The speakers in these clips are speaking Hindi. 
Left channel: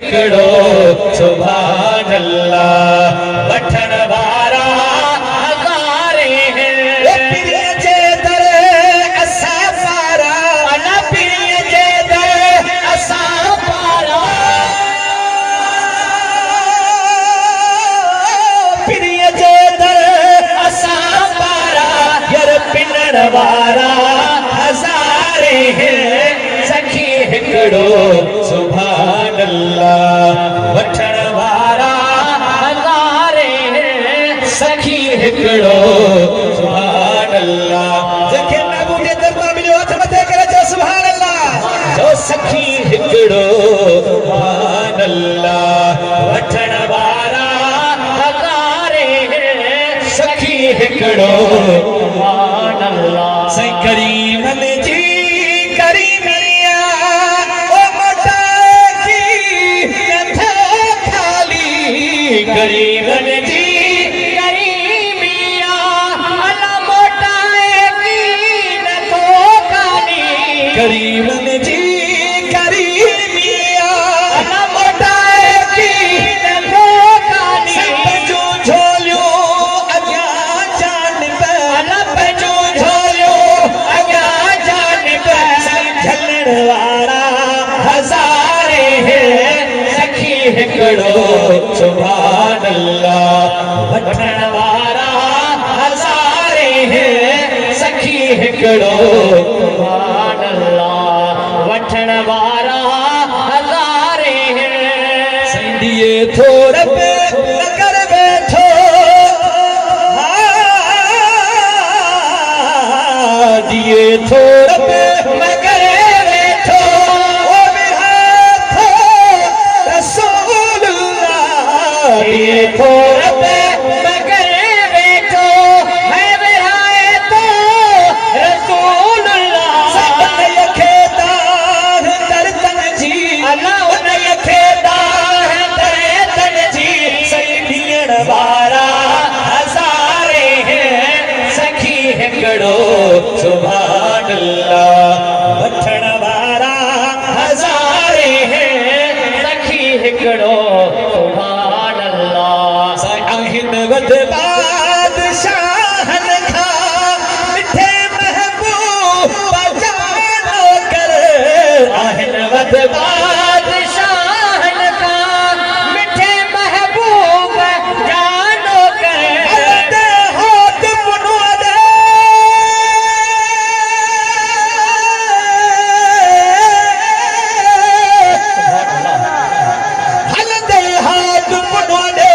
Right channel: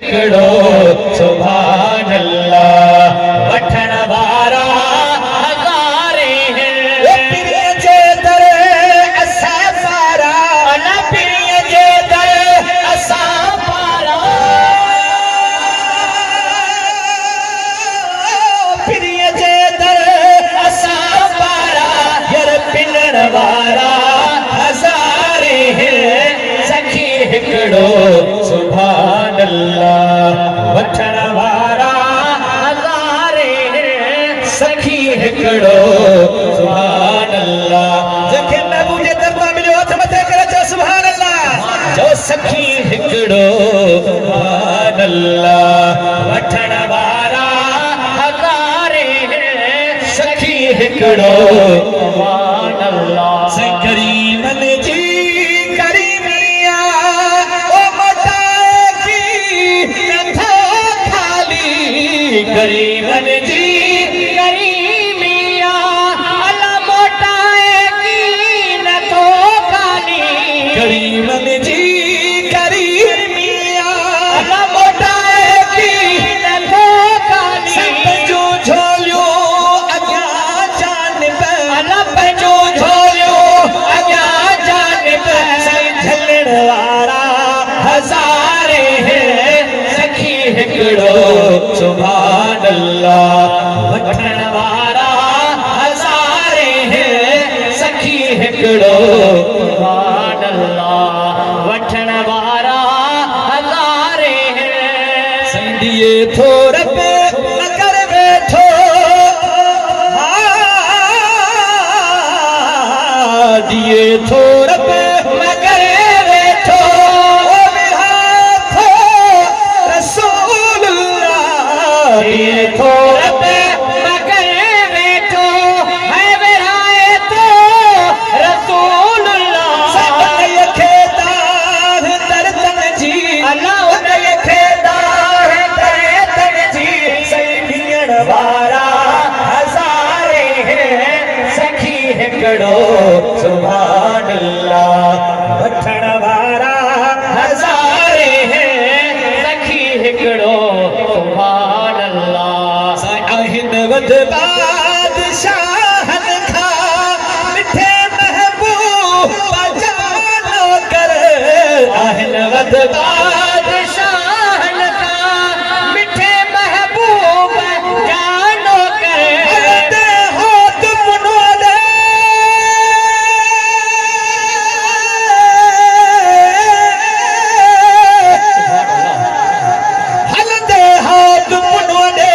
हिकिड़ो सुभान अल्लाह वठण वारा हज़ारे पीर जे दर असां पारा अला पीर जे दर असां पारा पीर जे दर असां पारा यार पिलण वारा हज़ारे सखी हिकिड़ो सुभान अल्लाह वठण वारा हज़ारे सखी हिकिड़ो सुभान अल्लाह जंहिंखे महबूब जे दरबार मिलियो हथ मथे करे चओ सुभान अल्लाह जो सखी हिकिड़ो सुभान अल्लाह वठण वारा हज़ारे सखी हिकिड़ो सुभान अल्लाह से करीमन जी करीमिया ओ मोटाए गरीबन जी गरीबिया अला मोटाएगी न तो खाली गरीबन जी गरीबिया अला मोटाएगी न तो खाली पंजो झोलियो अॻियां जानिब अला पंजो झोलियो अॻियां जानिब झलण वारा हज़ारे सखी हिकिड़ो सुभान अल्लाह वठण वारा हज़ारे सखी हिकिड़ो सुभान अल्लाह वठण वारा हज़ारे सिंधीअ थोर न कर वेठो दिए थोर न करे वेठो ये थोर पे मगर बैठो है विहाए तो रसूलुल्लाह सब यखेदा है दर्दन जी अल्लाह यखेदा है दर्दन जी सखीण वारा हज़ारे सखी हिकिड़ो सुभान अल्लाह वठण वारा हज़ारे सखी हिकिड़ो वध बादशाहन खां मिठे महबूब जानो कर आहिन वध बादशाहन खां मिठे महबूब जानो कर हलंदे होत मुनोड़े हलंदे होत मुनोड़े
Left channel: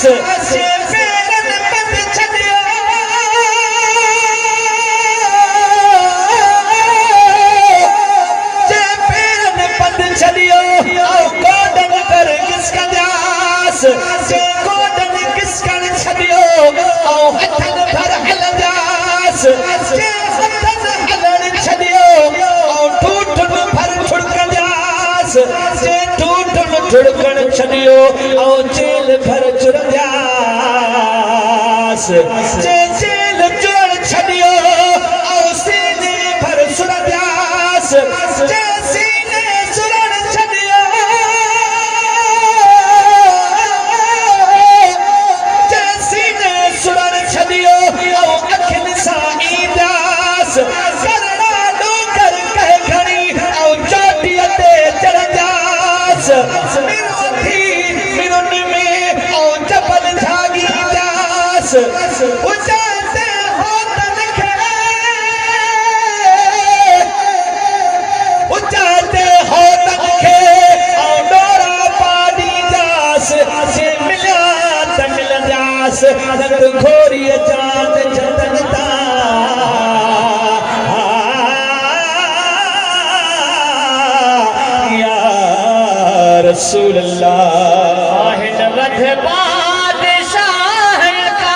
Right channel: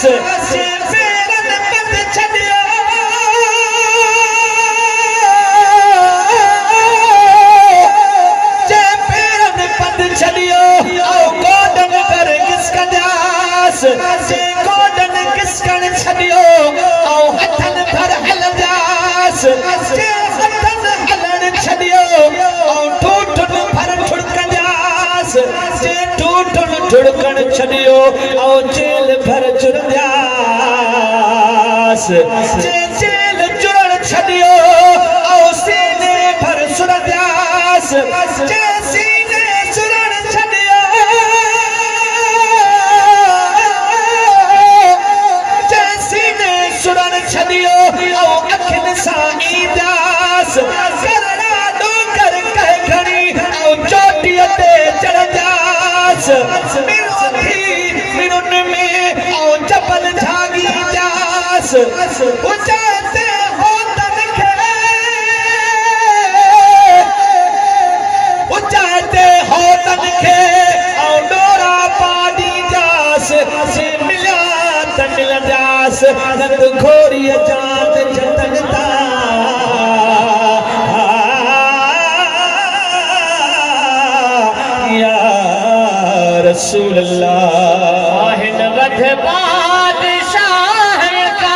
से फेरन पद छॾियो जे फेरन पद छॾियो कोडन कर किसकंदास जे कोडन किसकण छॾियो हथन भर हलंदास जे हथन हलण छॾियो ठूठन भर ठुड़कंदास जे ठूठन ठुड़कण छॾियो जेल भर जेल जोड़ छॾियो सीने भर सुरंदास जे सीने सुरण छॾियो जे सीने सुरण छॾियो अखियुनि सां ईंदास करड़ा डोंगर कह खणी चोटीअ ते चढ़ंदास जबल झागी दास उचाते हो तनखे उचाते हो तनखे और डोरा पानी दास से मिलिया त मिलंदास नंद घोरी जात जतनता या रसूल अल्लाह वध बादशाह का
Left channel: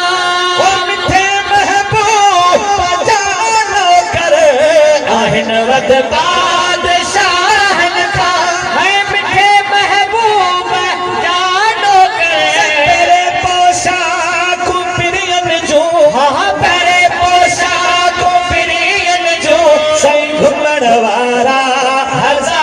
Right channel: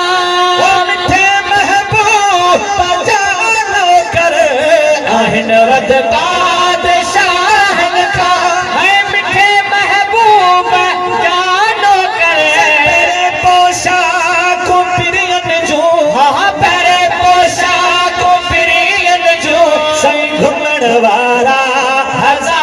मिठे महबूब जानो कर आहिन वध बादशाह का है मिठे महबूब जानो कर तेरे पोशाक प्रियन जो हाँ तेरे पोशाक प्रियन जो संग घुमण वारा हज़ार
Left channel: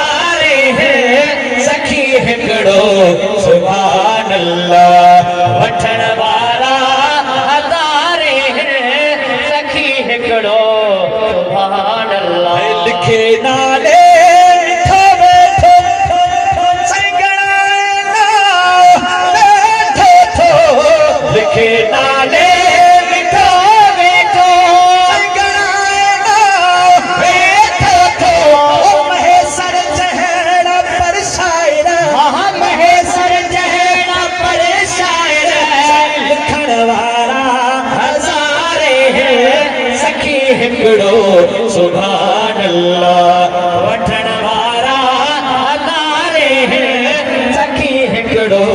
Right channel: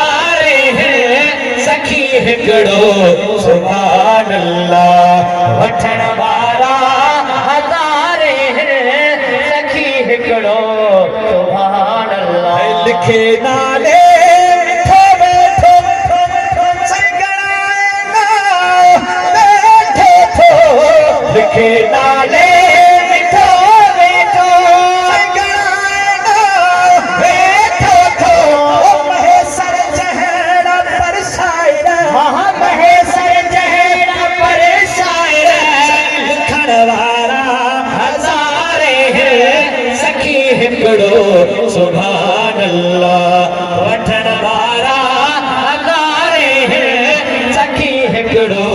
के नाले मिठो मिठो संगड़ाना बैठो तो महेसर जहरा पर शायरा महेसर जहरा पर शायरा लिखण वारा हज़ारे सखी हिकिड़ो सुभान अल्लाह वठण वारा हज़ारे सखी हिकिड़ो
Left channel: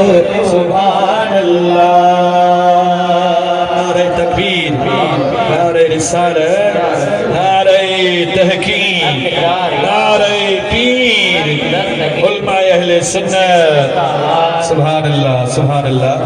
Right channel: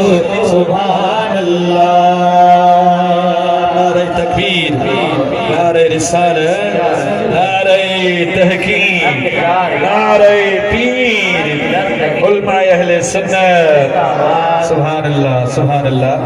सुभान अल्लाह नारे तकबीर नारे रिसालत नारे तहकीम नारे पीर उलमा अहले सुन्नत सुभान अल्लाह सुभान अल्लाह।